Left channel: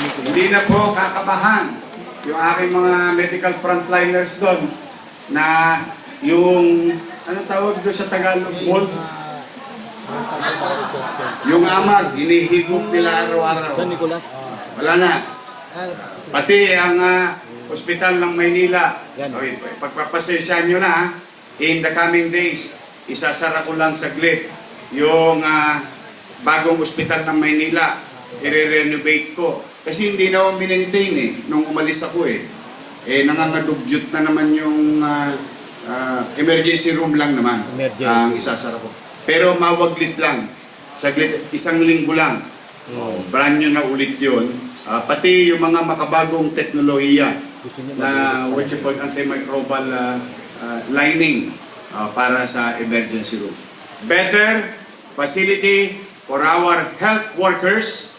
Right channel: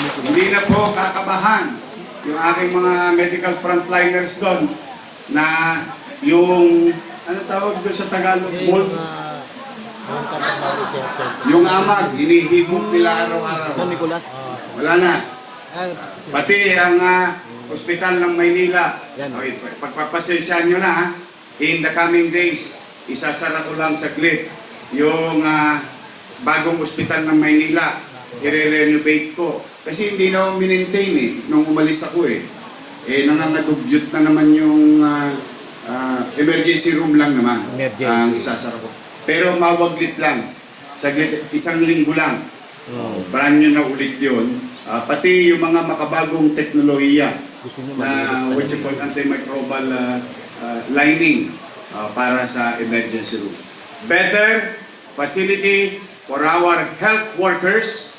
Hindi na po kakabahan yung aking mga medical frontliners doon na yung, ano tawag doon sa Tagalog? Mold. Yung amag, hinihigop nila araw-araw. Wala na. Pati ang ospital ng Maynila. Okay, pagpapasensyahan nyo na, in the coming days, isasara ko lang saglit yung bagong ospital ng Maynila. I-renovate ko. Kasi hindi na ako minentain nung umalis ako nangangadugyot na naman yung emergency room lang naman ang isasara ko. Pero mawaglit lang. Saglit, isang linggo lang. Brand new na ulit yun. Pati yung mga makabagong teknolohiya na what you call antimicrobial lining para sa emergency room. Better facility for our health workers,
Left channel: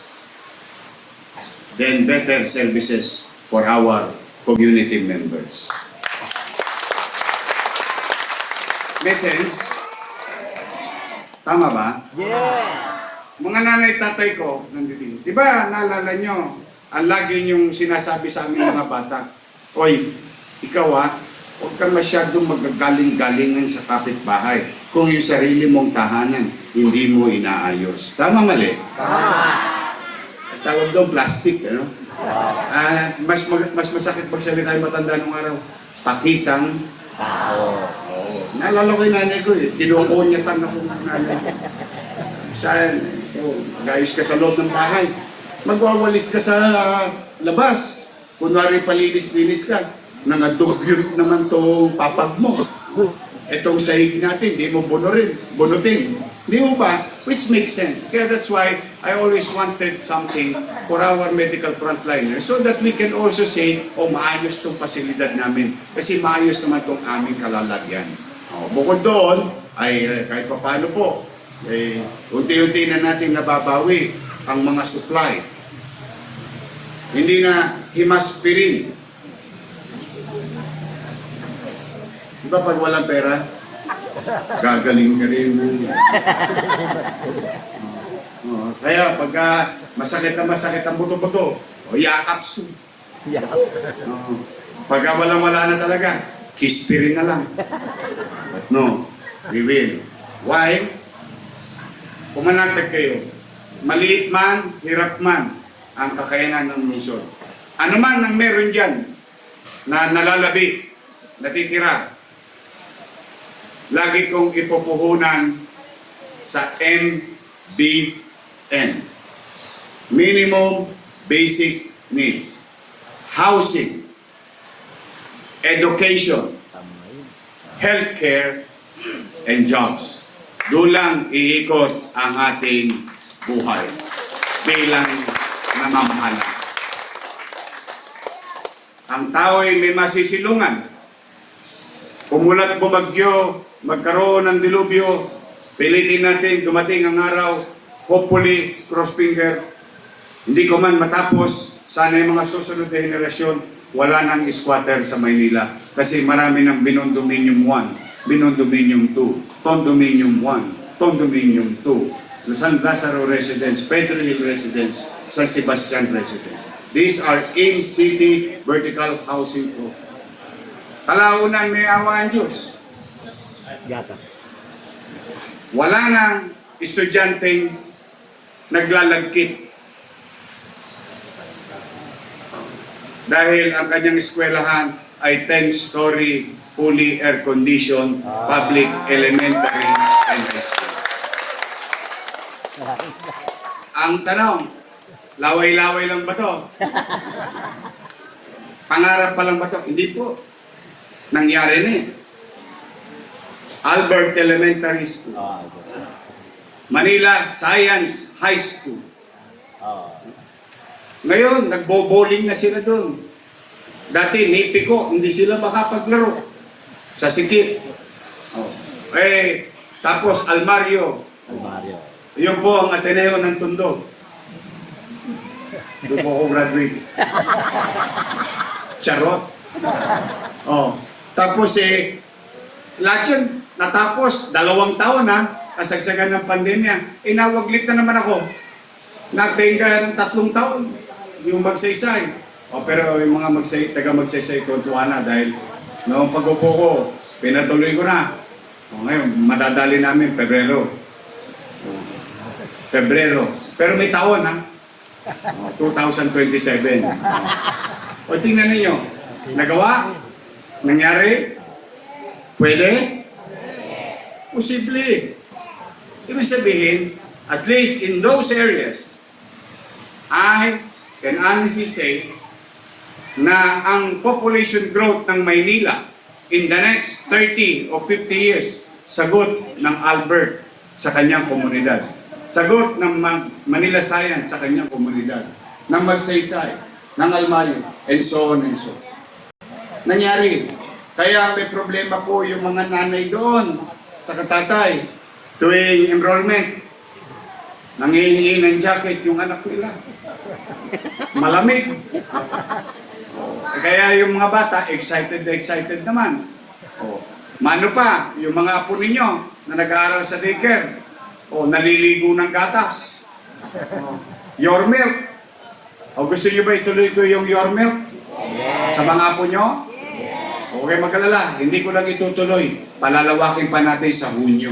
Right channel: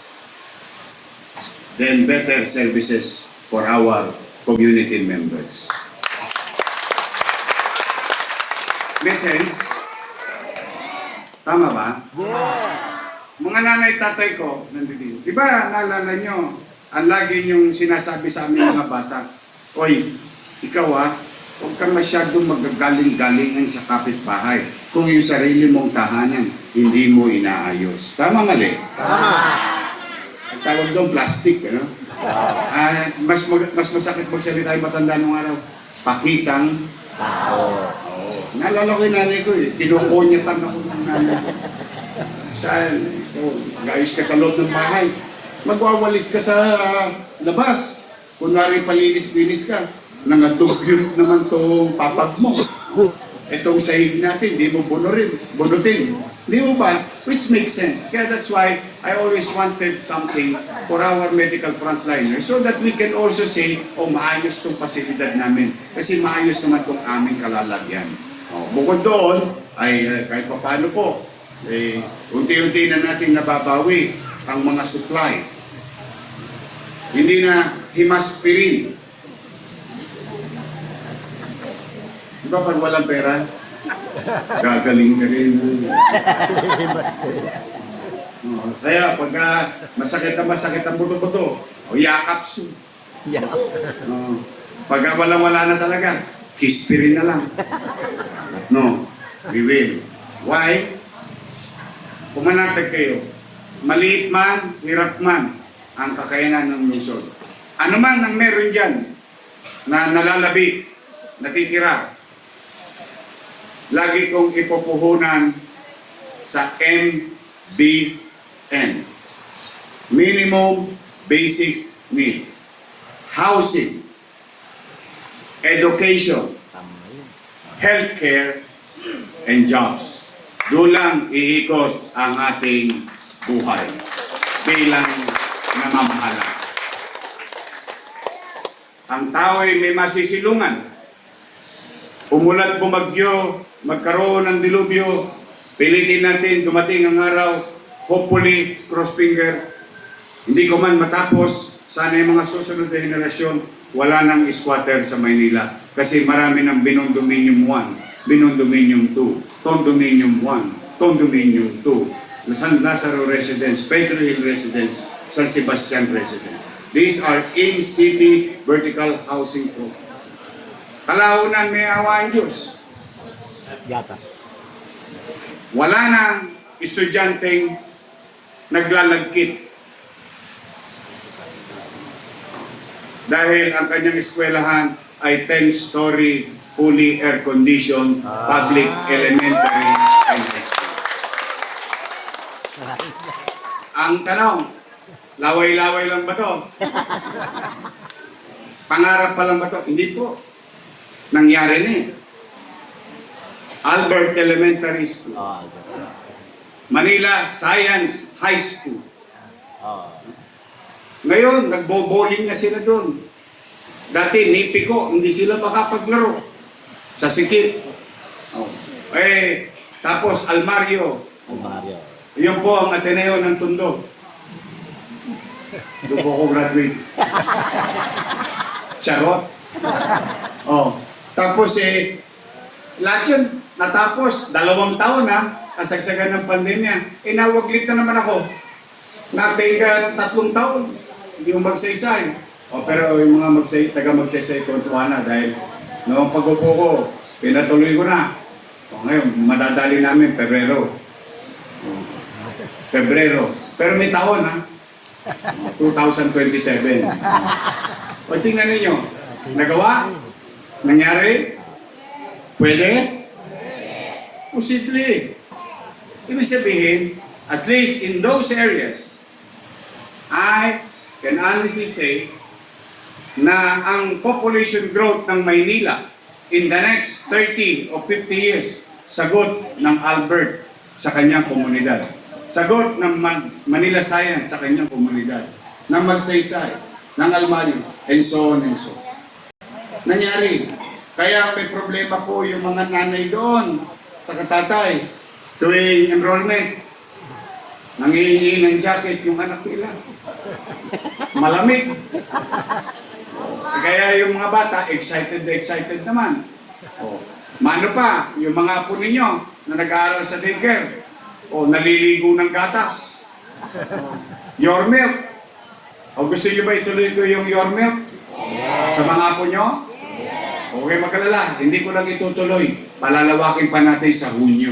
then better services for our community members. May sense? Tama ba? Yeah! Mga nanay tatay ko, nandito. Di ba, naalala nyo, ang lagi nyong sinasabi sa aming mga bata, Oy, ikaw huwag ka masyadong magagaling-galingan sa kapitbahay kung yung sarili mong tahanan, hindi mo inaayos. Tama mali? Tama! Ang tawag doon, plastic, ano? Mas masakit magsalita yung matanda nung araw. Pakitang Tao. naalala ko yung nanay ko kinukonyatan ako ng nanay ko. Saan? Mag-ayos ka sa loob ng bahay. Magwawalis ka sa labas. Kunwari palinis-linis ka. Nangadugyot naman to papag mo. Itong sahig natin, di mo bunutin. Di mo ba? Which makes sense. Kaya that's why I always wanted something for our medical frontliners so that we can also say, maayos tong pasilidad namin. Kasi maayos naman tong aming kalalagyan. Bukod doon, ay kahit pa paano po, unti-unti na natin nababawi ang mga supply. Hindi na himaspirin. Di ba pag walang pera, gagaling ka rin. Kaya pagka masakit ang buto-buto, yakap su. Pagka walang-wala na talaga, kispirin na lang. But no, we will. Why? Pumanatag kayo. Maliit man, hirap man ang kakayanan ng lungsod. Ano man ang meron dyan na nalalabi, natitira, lagi kong ipupuhunan sa MBN. Minimum Basic Needs. Housing, education, healthcare, and jobs. Doon lang iikot ang ating buhay bilang namamahala. Ang tao ay may masisilungan. Umulat bumagyo, magkaroon ng dilubyo, pilitin natin dumating ang araw, hopefully, cross finger, hindi ko man matapos, sana yung mga susunod na henerasyon, wala nang squatter sa Maynila. Kasi marami ng Binondominium 1, Binondominium 2, Condominium 1, Condominium 2, San Lazaro Residence, Pedro Hill Residence, San Sebastian Residence. These are in-city vertical housing program. Kalaunan may awa ang Diyos. Wala nang estudyanteng naglalagkit dahil ang kanyang eskwelahan ay 10-story, fully air-conditioned, public, elementary, and high school. Ang tanong, laway-laway lang ba to? Pangarap pa lang ba to? Hindi po. Nangyari na Albert Elementary School. Manila Science High School. Ngayon, nagbo-bowling na sila doon. Dati, Nipiko, hindi sila makapaglaro. Sa Sikip. Tapos, Almario. Yun po ang Ateneo ng Tondo. Doon po ako graduate. Charot. Tapos lahat yun, natapos, 2 taon kasagsagan ng pandemya. Nawaglit na naman ako. Natinga ng 3 taon. yung magsaysay. O pero yung mga taga magsaysay, tuwa na dahil noong pag-upo ko, pinatuloy ko na. O ngayon, madadali namin Pebrero. Pero may taon ha. 2027. O tingnan ninyo. Nagawa? Nangyari? Pwede? Posible. Ibig sabihin, at least in those areas, I can honestly say na ang population growth ng Maynila in the next 30 o 50 years, sagot ng Albert sa kanyang komunidad. Sagot ng Manila Science sa kanyang komunidad. Ng Magsaysay, ng Almario, and so on and so on. Nangyari. Kaya may problema po yung mga nanay doon sa katatay tuwing enrollment. Nangihingi ng jacket yung anak nila. Malamig. Kaya yung mga bata, excited naman. Mano pa, yung mga apo ninyo na nag-aaral sa daycare, naliligo ng gatas. Your milk. O gusto nyo ba ituloy ko yung your milk? Sa mga apo nyo? Okay, mag-alala. Hindi ko lang itutuloy. Palalawakin pa natin sa Hunyo.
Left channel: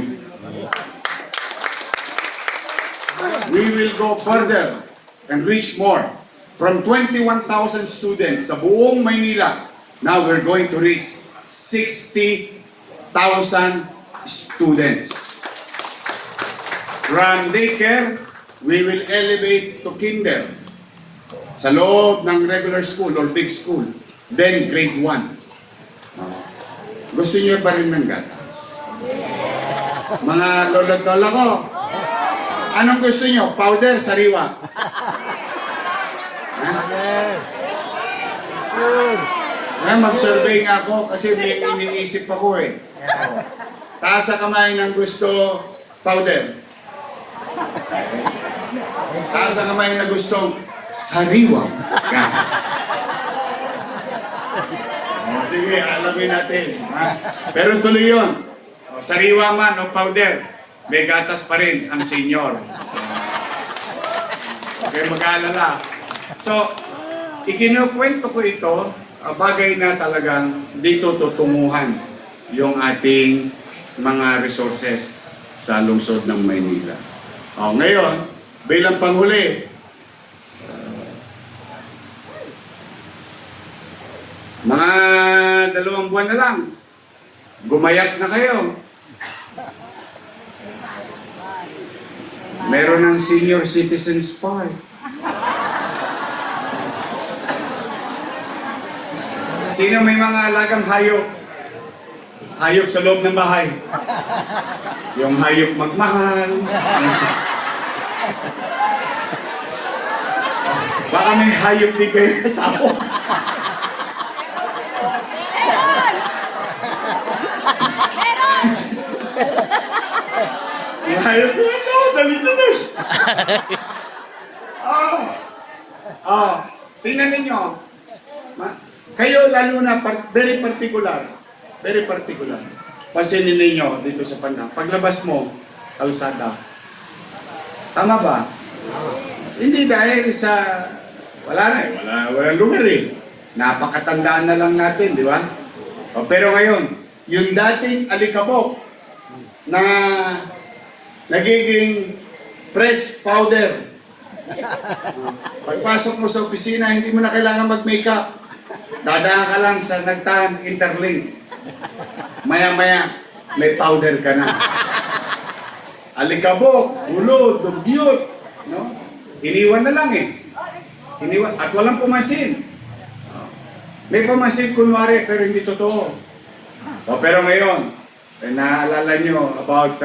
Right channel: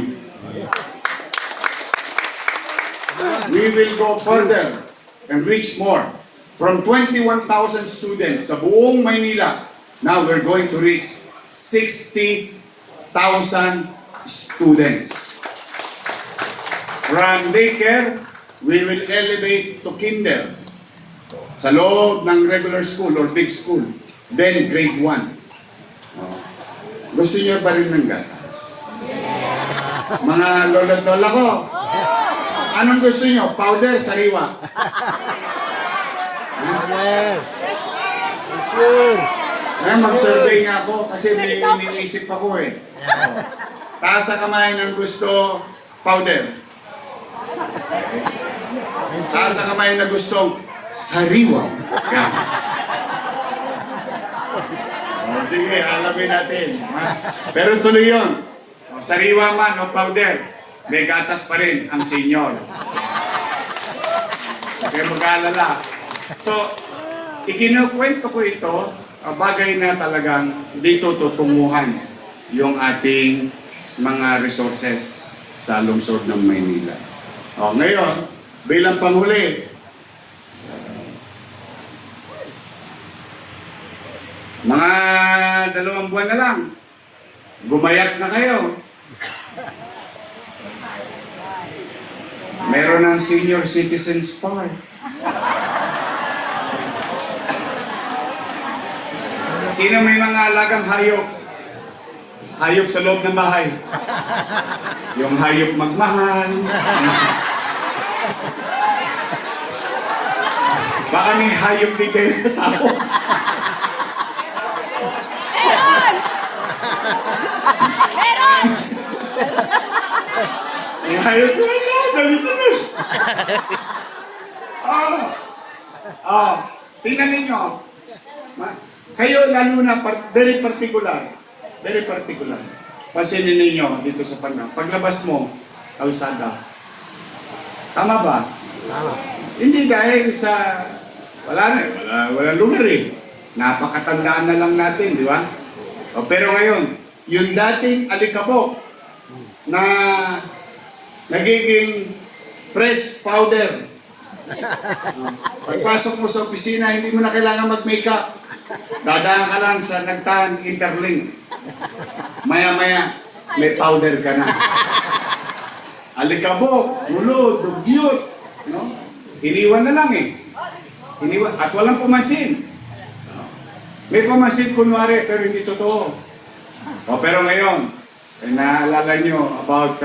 We will go further and reach more. From 21,000 students sa buong Maynila, now we're going to reach 60,000 students. From daycare, we will elevate to kinder. Sa loob ng regular school or big school. Then grade 1. Gusto niyo ba rin ng gatas? Mga lolo't lola ko, anong gusto niyo? Powder, sariwa? Sure. Ngayon mag-survey nga ako kasi may iniisip ako eh. Taas sa kamay ng gusto powder. Taas sa kamay na gustong sariwang gatas. Sige, alamin natin. Ha? Pero tuloy yun. Sariwa man o powder, may gatas pa rin ang senior. Okay, mag-aalala. So, ikinukwento ko ito, bagay na talagang dito tutunguhan yung ating mga resources sa lungsod ng Maynila. Ngayon, bilang panghuli, mga 2 buwan na lang, gumayak na kayo. Meron ng senior citizens park. Sino may mga alagang hayop? Hayop sa loob ng bahay. Yung hayop magmahal. Baka may hayop din kayo sa ako. Yung hayop ko sa ako, dali na. Tingnan ninyo. Kayo lalo na very particular. Pansinin ninyo dito sa Panang. Paglabas mo, kalsada. Tama ba? Hindi dahil sa wala lugar eh. Napakatandaan na lang natin, di ba? Pero ngayon, yung dating alikabok na nagiging press powder. Pagpasok mo sa opisina, hindi mo na kailangan mag-makeup. Dadaan ka lang sa Nagtaan Interlink. Maya-maya, may powder ka na. Alikabok, ulo, dugyot. No? Iniwan na lang eh. At walang pumasin. May pumasin kunwari, pero hindi totoo. Pero ngayon, naalala nyo about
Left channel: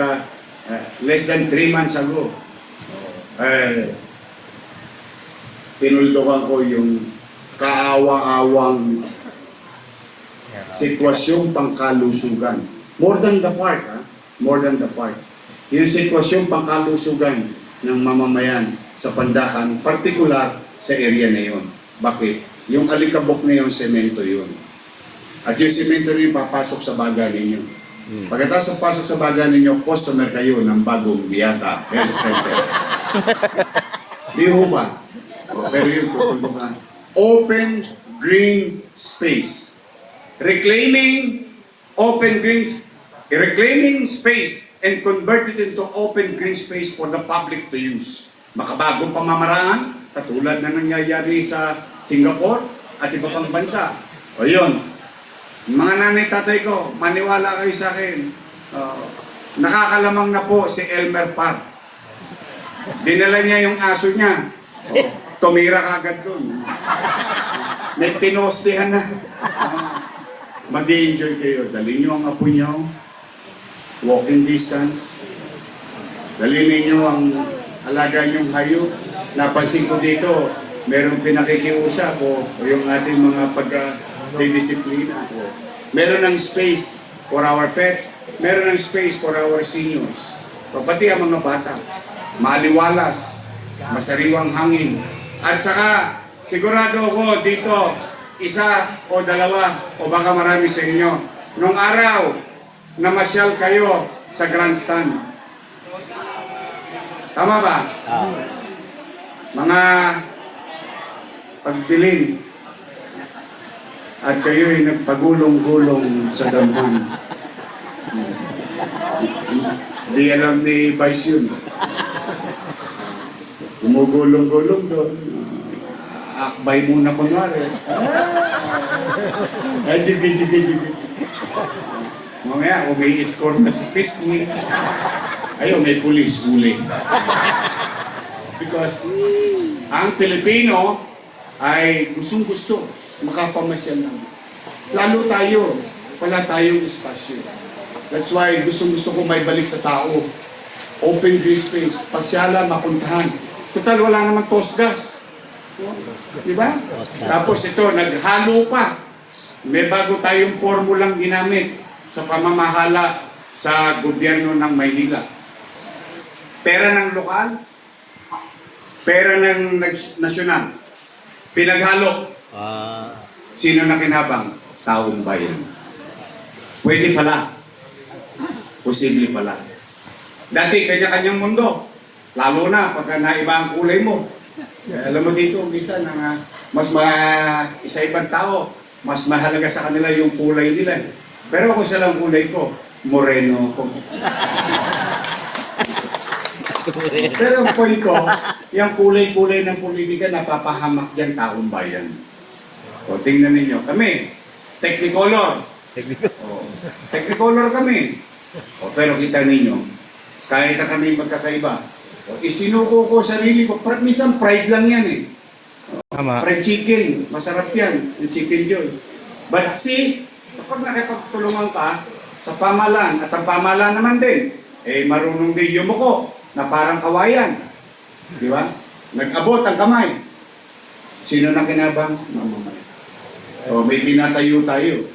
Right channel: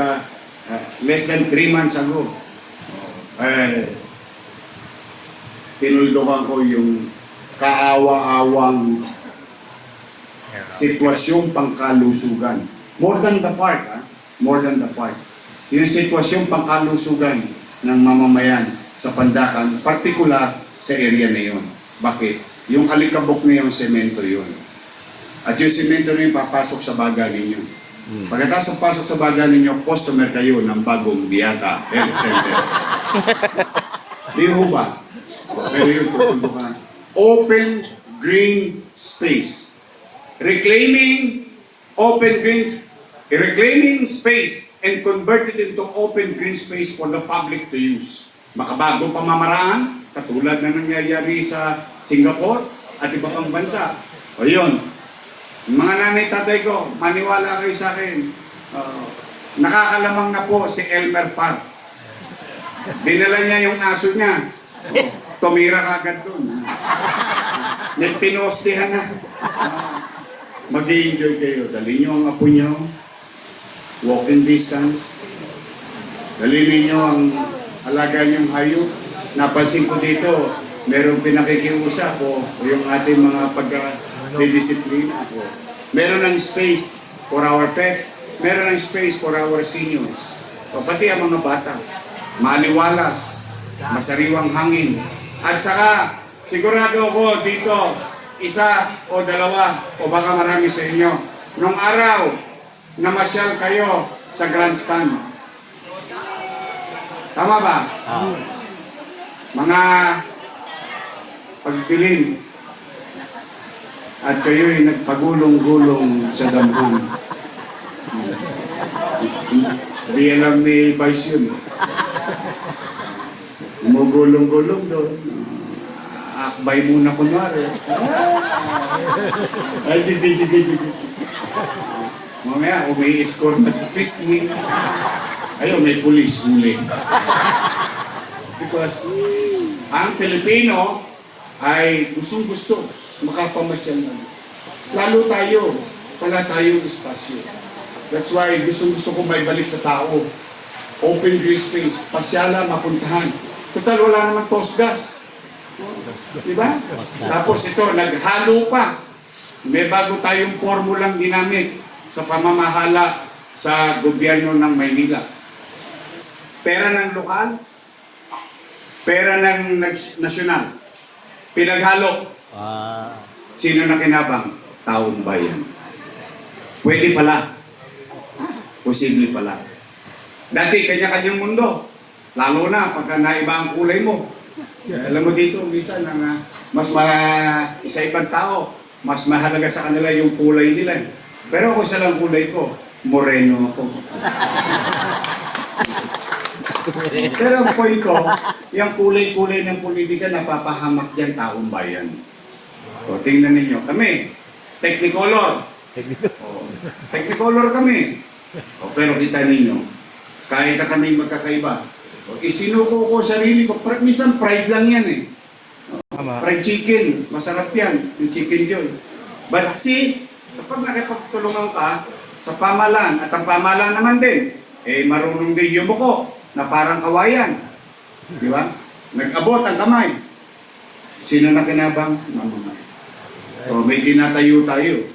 less than 3 months ago, tinuldukan ko yung kaawa-awang sitwasyong pangkalusugan. More than the part, more than the part. Yung sitwasyong pangkalusugan ng mamamayan sa Pandakan, partikular sa area na yun. Bakit? Yung alikabok na yung semento yun. At yung semento na yun papasok sa baga ninyo. Pagkatapos pasok sa baga ninyo, customer kayo ng bagong Biata Health Center. Di ho ba? Pero yung tutulungan. Open green space. Reclaiming space and convert it into open green space for the public to use. Makabagong pamamaraan, katulad na nangyayari sa Singapore at iba pang bansa. O yun, mga nanay tatay ko, maniwala kayo sa akin. Nakakalamang na po si Elmer Park. Dinala niya yung aso niya. Tumira kagad dun. Nagpinostihan na. Mag-i-enjoy kayo. Dali niyo ang apo niyo. Walking distance. Dali ninyo ang alaga niyong hayop. Napansin ko dito, merong pinakikiusap o yung ating mga pag-disiplina po. Meron ng space for our pets. Meron ng space for our seniors. O pati ang mga bata. Maliwalas. Masariwang hangin. At saka, sigurado ako dito, isa o dalawa o baka marami sa inyo. Nung araw, namasyal kayo sa grandstand. Tama ba? Mga pagdilim. At kayo'y nagpagulong-gulong sa damhan. Di alam ni Vice yun. Umugulong-gulong doon. Akbay muna kunwari. Ay, jibi. Mamaya, umi-escort na sa pisngi. Ayun, may pulis huli. Because ang Pilipino ay gustong-gusto makapamasyal na. Lalo tayo, wala tayong espasyo. That's why gustong-gusto ko may balik sa tao. Open green space, pasyala, mapuntahan. Total, wala naman postgas. Diba? Tapos ito, naghalo pa. May bago tayong formulang ginamit sa pamamahala sa gobyerno ng Maynila. Pera ng lokal, pera ng nasyonal. Pinaghalo. Sino na kinabang? Taong bayan. Pwede pala. Posible pala. Dati, kanya-kanyang mundo. Lalo na pagka naiba ang kulay mo. Alam mo dito, minsan, isa-ibang tao, mas mahalaga sa kanila yung kulay nila. Pero ako isa lang kulay ko, moreno ako. Pero ang point ko, yung kulay-kulay ng politika napapahamak dyan taong bayan. O, tingnan ninyo. Kami, Technicolor. Technicolor kami. O, pero kita ninyo, kahit na kami magkakaiba, isinuko ko sarili ko. Minsan pride lang yan eh. Fried chicken, masarap yan. Yung chicken joy. But see, kapag nakipagtulungan ka sa pamalan, at ang pamalan naman din, marunong din yumuko na parang kawayan. Di ba? Nag-abot ang kamay. Sino na kinabang? Mamamay. So may tinatayo tayo.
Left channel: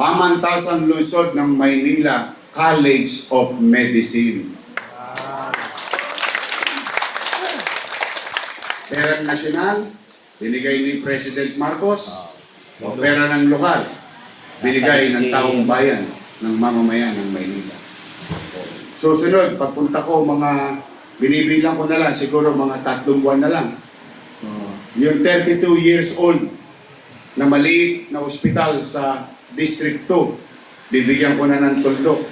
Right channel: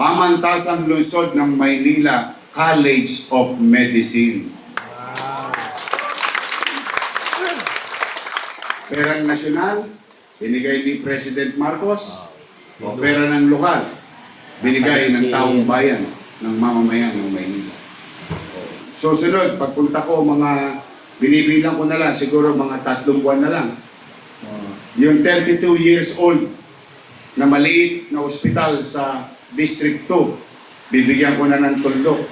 Pamantasang lungsod ng Maynila College of Medicine. Perang nasyonal, binigay ni President Marcos. O pera ng lokal, binigay ng taong bayan, ng mamamayan ng Maynila. Susunod, pagpunta ko, binibilang ko na lang, siguro mga 3 buwan na lang. Yung 32 years old na maliit na ospital sa District 2, bibigyan ko na ng tuldok.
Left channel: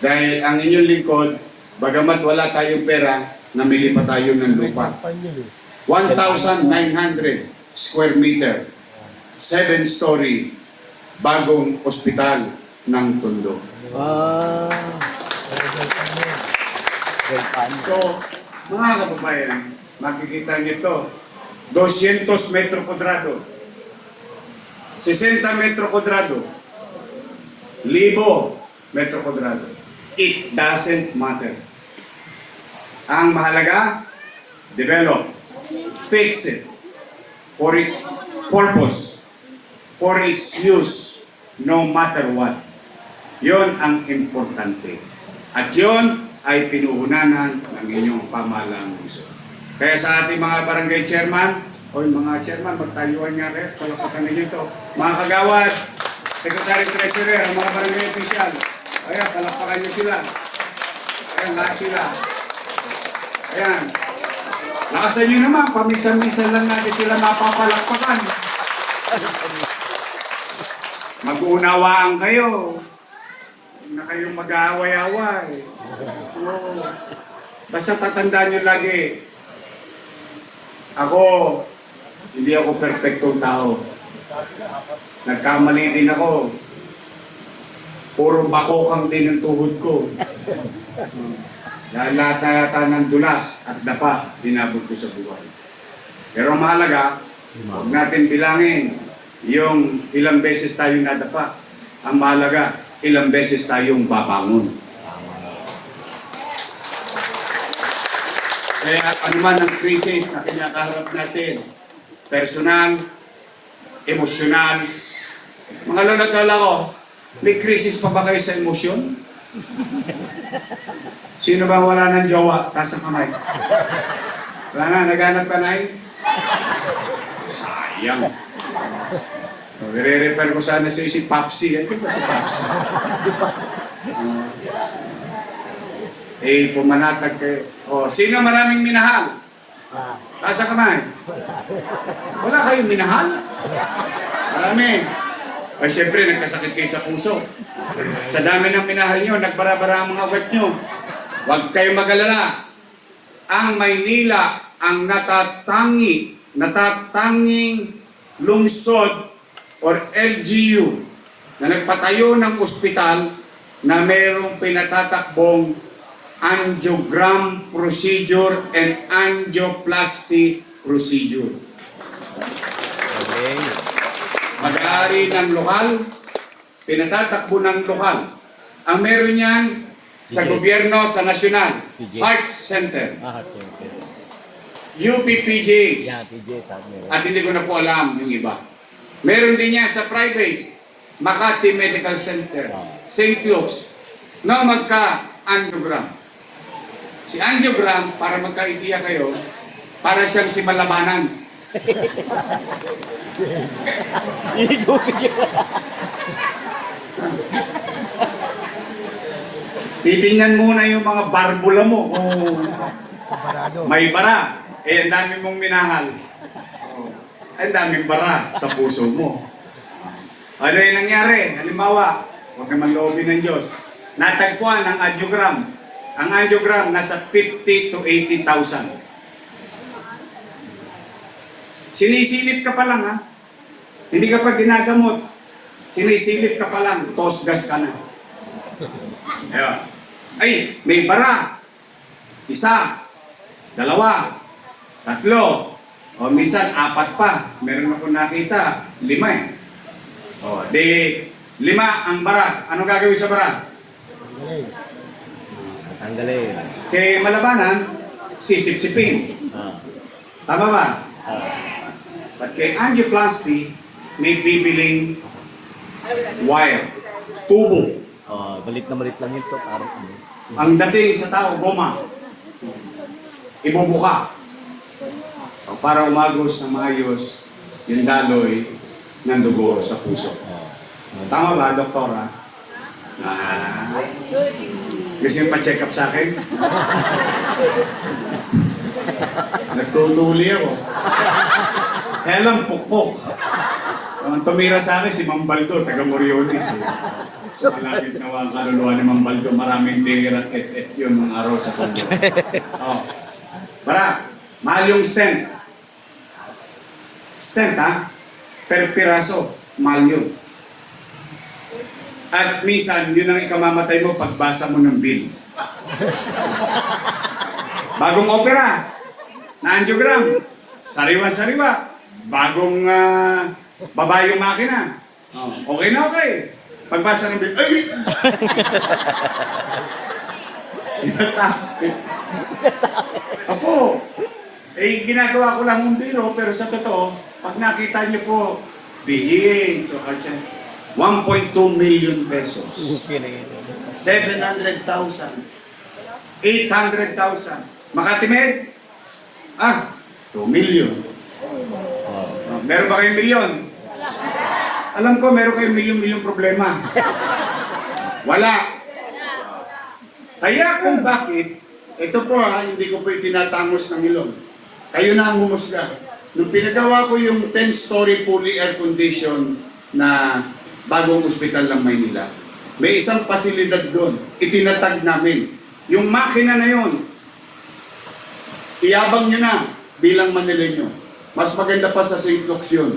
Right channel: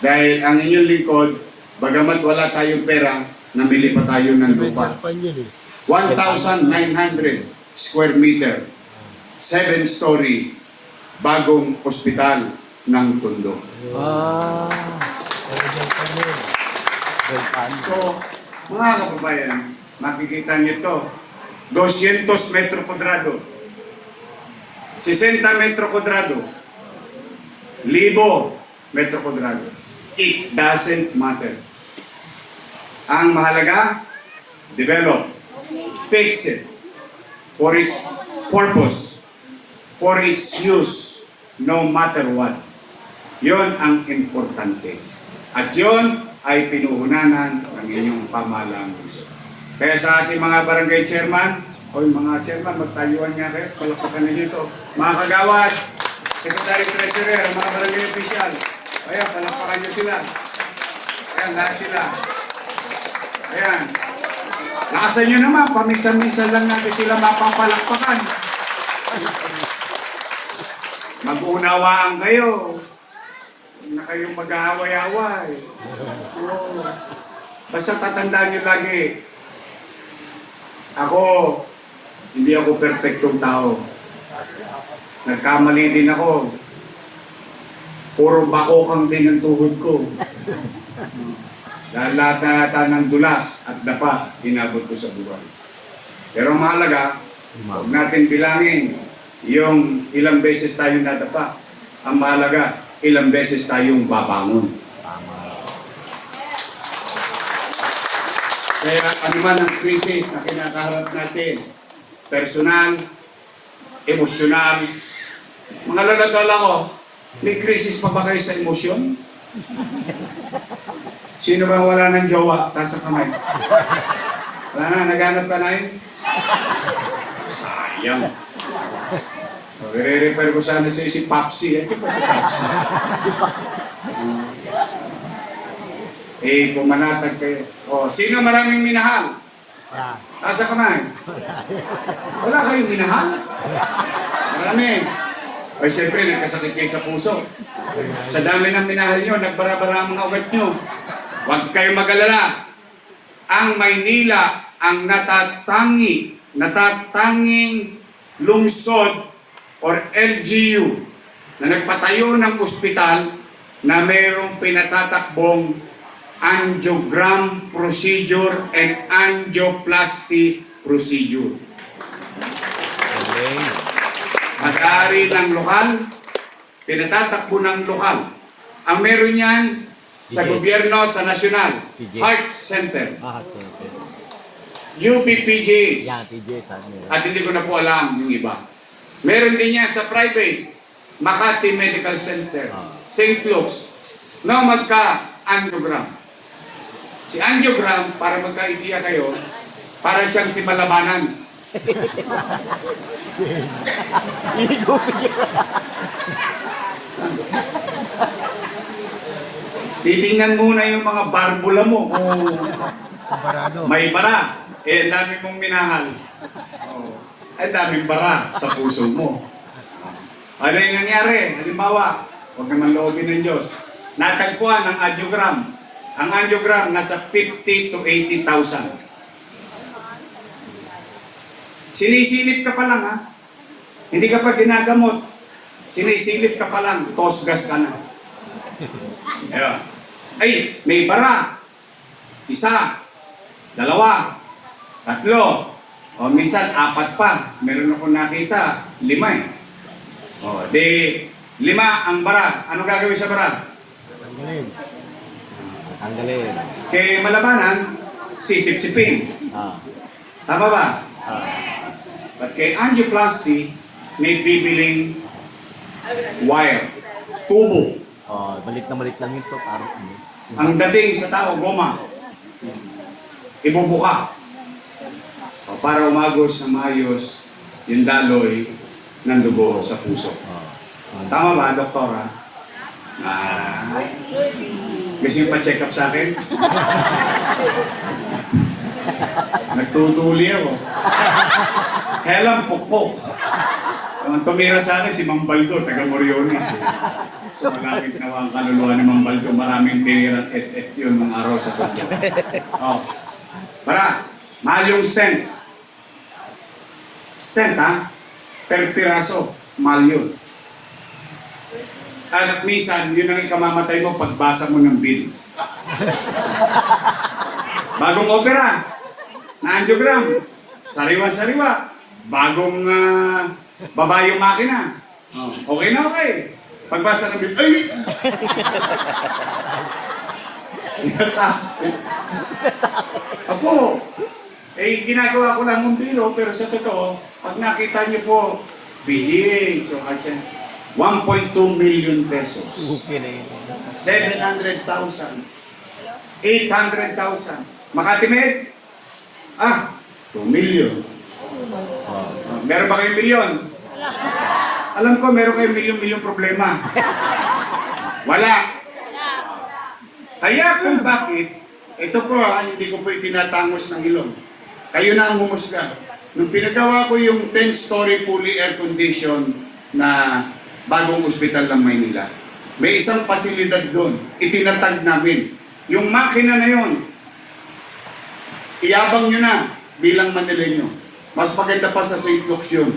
Dahil ang inyong lingkod, bagamat wala tayong pera, namili pa tayo ng lupa. 1,900 square meter, 7-story, bagong ospital ng Tondo. So, mga kababayan, makikita niyo ito, 200 metro kwadrado, 60 metro kwadrado, 1,000 metro kwadrado. It doesn't matter. Ang mahalaga, develop, fix it for its purpose, for its use, no matter what. Yon ang importante. At yon ay pinuhunanan ng inyong pamahalang gusto. Kaya sa ating mga barangay chairman, o mga chairman, magtayuan nga kayo, palapakan ninyo ito. Mga kagawad, secretary treasurer, ang mga barangay official, ayan, palapakan nyo sila. Ayan, lahat sila. Ayan. Lakasan nyo naman, pamisa-misa lang natin sila mapapalakpakan. Mag-unawaan kayo. Huwag na kayong mag-aaway-away. Oo. Basta tatandaan nyo lagi, ako, hindi ako perfectong tao. Nagkamali din ako. Puro bakokang din ang tuhod ko. Dahil lahat na yata ng dulas at dapa, dinabot ko sa buhay. Pero ang mahalaga, huwag natin bilangin yung ilang beses tayong nadapa. Ang mahalaga, ilang beses tayong babangon. Kaya ano man ang krisis na kinakaharap natin, personal, emosyonal, mga lola ko, may krisis pa ba kayo sa emosyon? Sino bang wala ng jowa? Taas ang kamay. Wala na, naghanap ka na yun? Sayang. Magre-refer ko sana sa si Papsi. Ano ba si Papsi? Pumanatag kayo. Sino maraming minahal? Taas ang kamay. Wala kayong minahal? Marami. Ay, siyempre, nagkasakit kayo sa puso. Sa dami ng minahal nyo, nagbara-bara ang mga web nyo. Huwag kayong mag-alala. Ang Maynila, ang natatanging lungsod or LGU na nagpatayo ng ospital na mayroong pinatatakbong angiogram procedure and angioplasty procedure. Okay. Mag-aari ng lokal, pinatatakbo ng lokal. Ang meron yan sa gobyerno, sa nasyonal, Heart Center, UPPJs, at hindi ko na po alam yung iba. Meron din yan sa private, Makati Medical Center, St. Luke's, no magka-angiogram. Si angiogram, para magka-idea kayo, para siyang si Malabanan. Titingnan muna yung mga barbula mo. May bara. Ang dami mong minahal. Ang daming bara sa puso mo. Ano yung nangyari? Halimbawa, huwag naman loobin ng Diyos. Natagpuan ang angiogram. Ang angiogram nasa 50 to 80,000. Sinisilip ka pa lang, ha? Hindi ka pa ginagamot. Sinisilip ka pa lang, tosgas ka na. Ayan. Ay, may bara. Isa, dalawa, tatlo, o minsan apat pa. Meron ako nakita, 5 eh. O, di 5 ang bara. Anong gagawin sa bara? Tanggalin. Kay Malabanan, sisip-sipin. Tama ba? At kay angioplasty, may bibiling wire, tubo. Balit na balit lang yun po. Ang dating sa tao, goma. Ibubuka. Para umagos na maayos yung daloy ng dugo sa puso. Tama ba, doktora? Gusto yung pa-check up sa akin? Nagtutuli ako. Kaya lang, pukpok. Ang tumira sa akin, si Mambaldo, taga Moriones. So, malapit na ang kaluluwa ni Mambaldo. Maraming tira at et yun ng araw sa kanya. Para, mahal yung stent. Stent, ha? Per piraso, mahal yun. At minsan, yun ang ikamamatay mo pagbasa mo ng bill. Bagong opera, na angiogram, sariwa-sariwa. Bagong baba yung makina. Okay na okay. Pagbasa ng bill, ay! Apo, ginagawa ko lang ng biro, pero sa totoo, pag nakita niyo po, BGA, so 1.2 million pesos. 700,000. 800,000. Makati Med? 2 million. Meron ba kayong milyon? Alam ko, meron kayong milyon-milyon problema. Wala. Kaya kung bakit, ito po, hindi ko po itinatangos ng ilong. Kayo na ang humusga. Nung pinagawa ko yung 10-story fully air condition na bagong ospital ng Maynila, may isang pasilidad doon. Itinatag namin. Yung makina na yon, iyabang nyo na bilang Manileño. Mas maganda pa sa St. Luke's yun.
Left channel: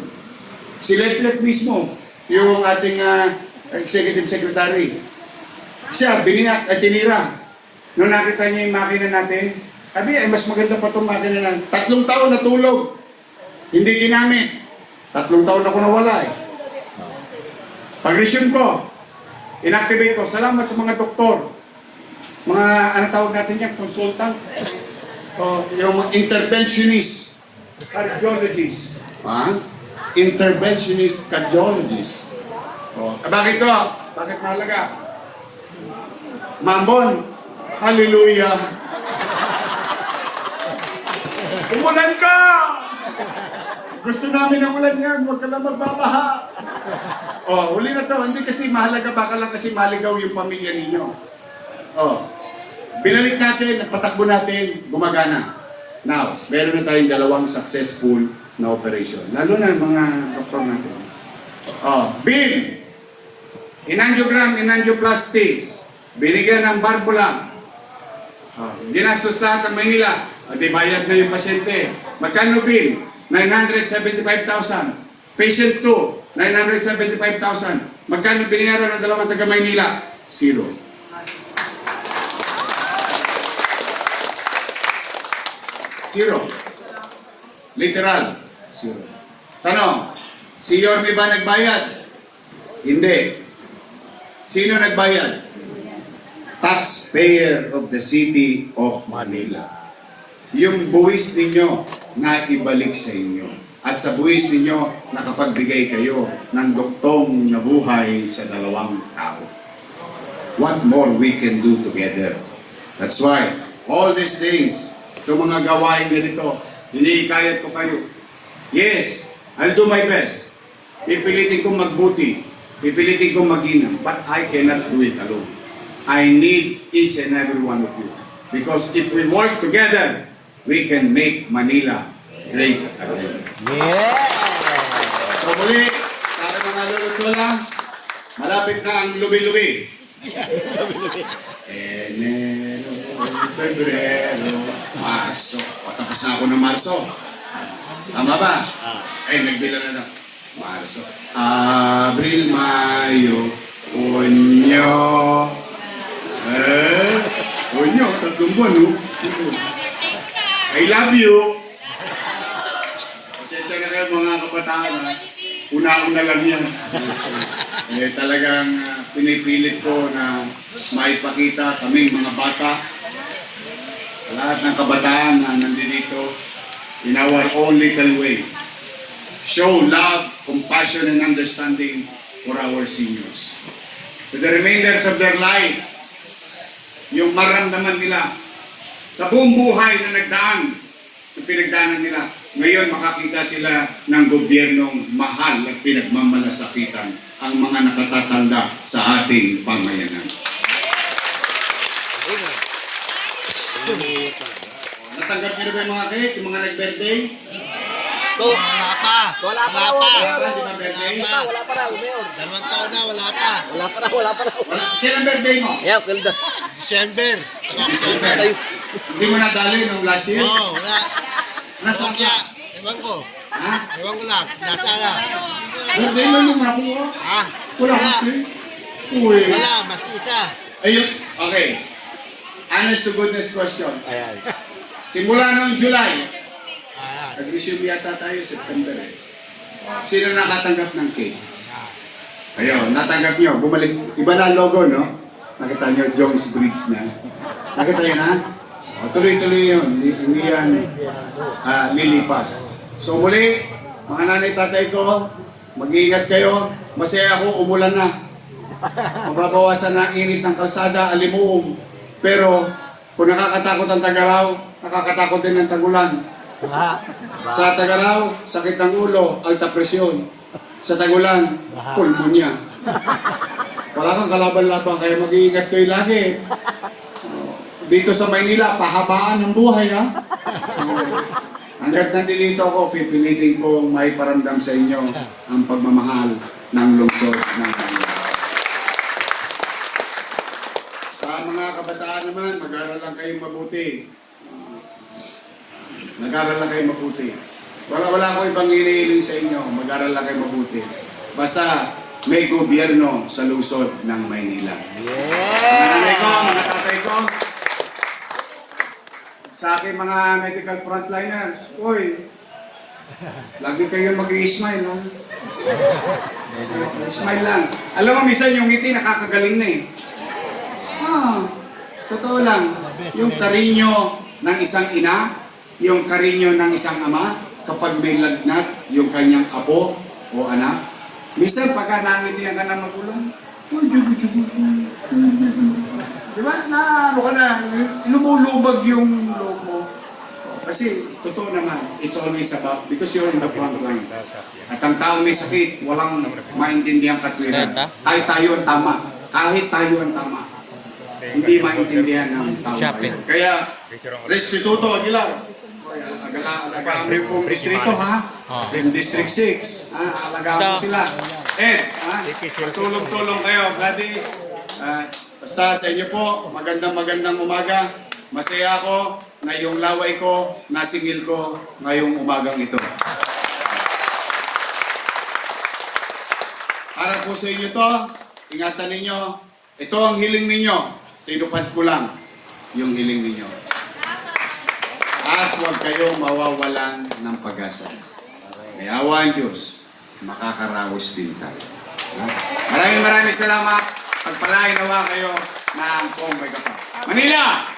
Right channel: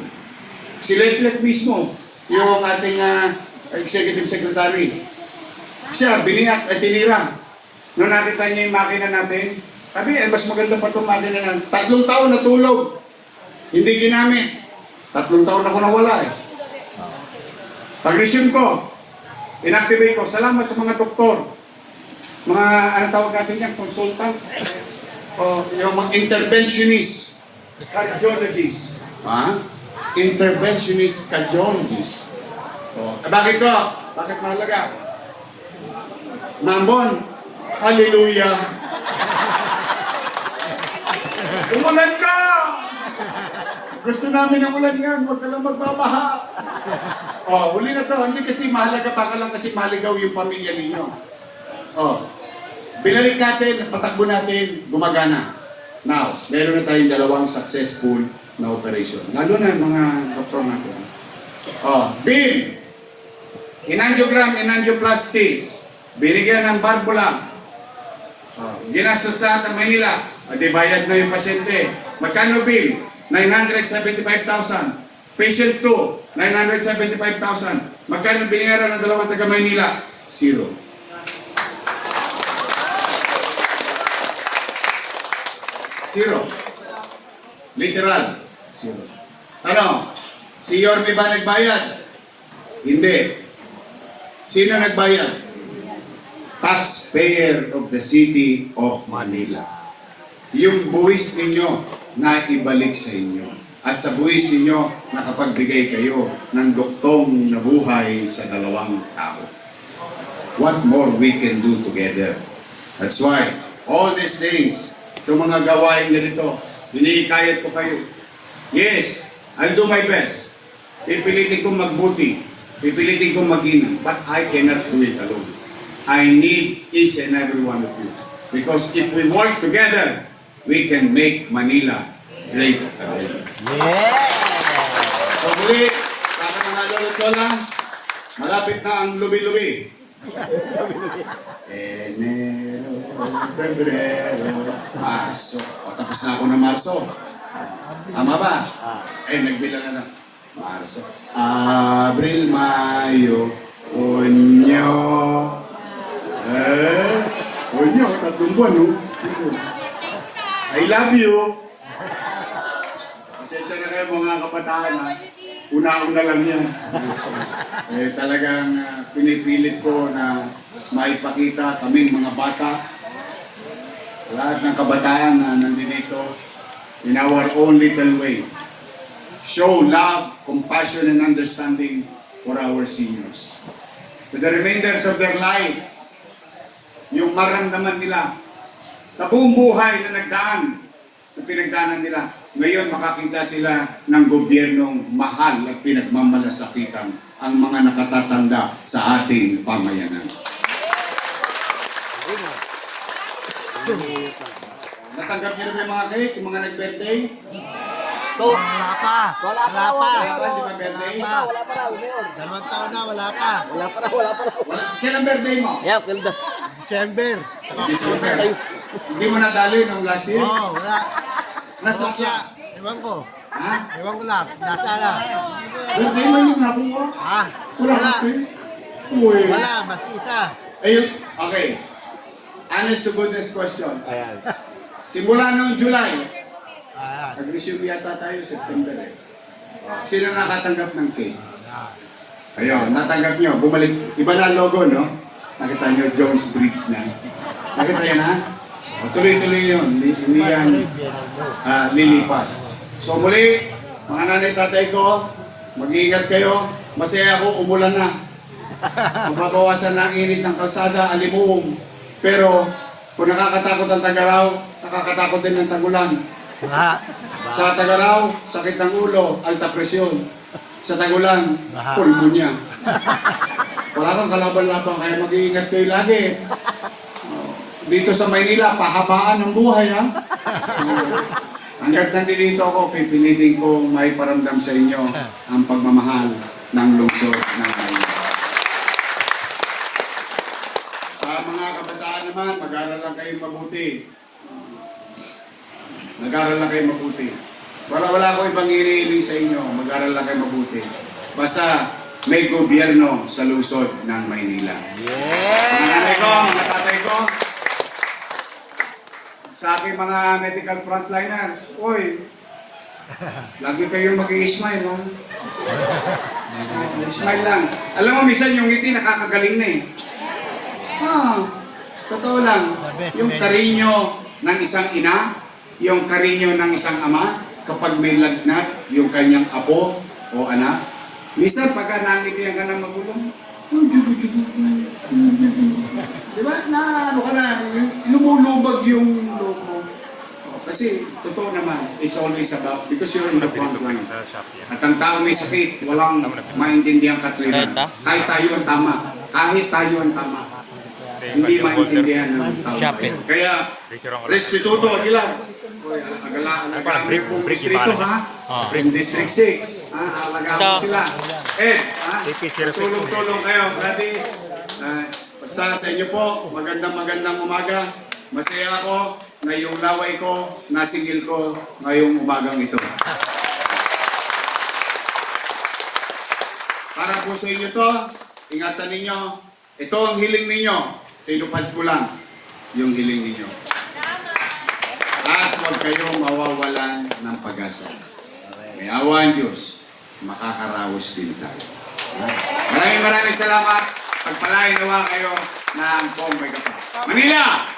Si Letlet mismo, yung ating executive secretary, siya, biniyak at tinira. Nung nakita niya yung makina natin, sabi, mas maganda pa itong makina na 3 taon natulog. Hindi ginamit. 3 taon ako nawala eh. Pag-resume ko, inactivate ko. Salamat sa mga doktor. Mga, ano tawag natin yan, consultant. O, yung mga interventionist, cardiologist. Ha? Interventionist cardiologist. O, bakit to? Bakit mahalaga? Mambon, hallelujah. Umulan ka! Gusto namin ng ulan yan, huwag ka lang magbabaha. O, huli na to. Hindi kasi mahalaga, baka lang kasi maligaw yung pamilya ninyo. O, binalik natin, nagpatakbo natin, gumagana. Now, meron na tayong 2 successful na operation. Lalo na yung mga doktor natin. O, BIM, inangiogram, inangioplasty, binigyan ng barbula. O, ginastos lahat ng Manila. Di bayad na yung pasyente. Magkano bill? 975,000. Patient 2, 975,000. Magkano binayaran ng 2 taga Maynila? 0. Zero. Literal. 0. Ano? Si Yorme ba nagbayad? Hindi. Sino nagbayad? Taxpayer of the city of Manila. Yung buwis ninyo na ibalik sa inyo. At sa buwis ninyo, nakapagbigay kayo ng duktong na buhay sa 2 tao. What more we can do together? That's why, all these things, itong mga gawain ganito, hinihikayat ko kayo. Yes, I'll do my best. Pipilitin kong magbuti. Pipilitin kong mag-ina. But I cannot do it alone. I need each and every one of you. Because if we work together, we can make Manila great again. Yeah! So muli, sa aking mga lolotola, malapit na ang lubi-lubi. Enero, Febrero, Marso. Tapos na ako ng Marso. Tama ba? Nagbilang na. Marso. Abril, Mayo, Hunyo. Hunyo, 3 buwan, no? I love you. Pasensya na kayo mga kabataan. Una-una lang yan. Talagang pinipilit ko na maipakita kaming mga bata, lahat ng kabataan na nandito in our own little way. Show love, compassion, and understanding for our seniors. For the remainders of their life, yung maramdaman nila sa buong buhay na nagdaan, na pinagdaanan nila, ngayon makakita sila ng gobyernong mahal at pinagmamalasakitan ang mga nakatatanda sa ating pamayanan. Natanggap niyo na ba yung mga cake, yung mga nag-birthday? Wala pa. Wala pa. Wala pa raw, Mayor. 2 taon na, wala pa. Kailan birthday mo? Yeah, Pilda. December. Saka December. October. Hindi mo nadali nung last year? Oo, wala. Nasaan Kaya, ka? ewan ko. Ha? Ewan ko lang. Nasa na. Birthday mo yung nakuha? Ha? Wala Wala. ka. Uy. Wala, mas isa. Ayun, okay. Honest to goodness question. Ayan. Simula noong July, Ayan. nag-resume yata tayo September eh. Sino nakatanggap ng cake? Ayun, natanggap nyo. Bumalik. Iba na ang logo, no? Nakita nyo, Jones Briggs na. Nakita yun, ha? O, tuloy-tuloy yun. Hindi yan lilipas. So muli, mga nanay tatay ko, mag-iingat kayo. Masaya ako, umulan na. Mababawasan na ang init ng kalsada, alimuong. Pero, kung nakakatakot ang Tagaraw, nakakatakot din ang Tagulan. Sa Tagaraw, sakit ng ulo, alta presyon. Sa Tagulan, pulmonya. Wala kang kalaban-laban, kaya mag-iingat kayo lagi. Dito sa Maynila, pahabaan ang buhay, ha? Hanggat nandito ako, pipilitin ko may paramdam sa inyo ang pagmamahal ng lungsod ng Manila. Sa mga kabataan naman, mag-aral lang kayo mabuti. Mag-aral lang kayo mabuti. Wala ako ibang iniiling sa inyo. Mag-aral lang kayo mabuti. Basta may gobyerno sa lungsod ng Maynila. Mga ko, mga tatay ko, sa aking mga medical frontliners, uy, lagi kayong mag-i-smile, no? Smile lang. Alam mo, minsan yung ngiti nakakagaling na eh. Totoo lang. Yung karinyo ng isang ina, yung karinyo ng isang ama, kapag may lagnat, yung kanyang apo o anak, minsan pagka nakitiyan ka na magulang, diba? Na ano ka na, lumulubag yung loob mo. Kasi, totoo naman, it's always about, because you're in the front line. At ang taong may sakit, walang maintindihan katwiran. Kahit tayo ang tama. Kahit tayo ang tama. Hindi maintindihan ng tao. Kaya, Restituto Aguilar, alagaan mo pong distrito ha? From District 6, alagaan mo sila. Tulong-tulong kayo, Gladys. Basta sa inyo po, magandang umaga. Masaya ako na yung laway ko, nasingil ko ngayong umagang ito. Para po sa inyo to, ingatan ninyo, ito ang hiling ninyo, tinupad ko lang yung hiling ninyo. At huwag kayo mawawalan ng pag-asa. May awa ang Diyos, makakaraos din tayo. Maraming salamat. Pagpalain nawa kayo ng Kong Megapa. Manila!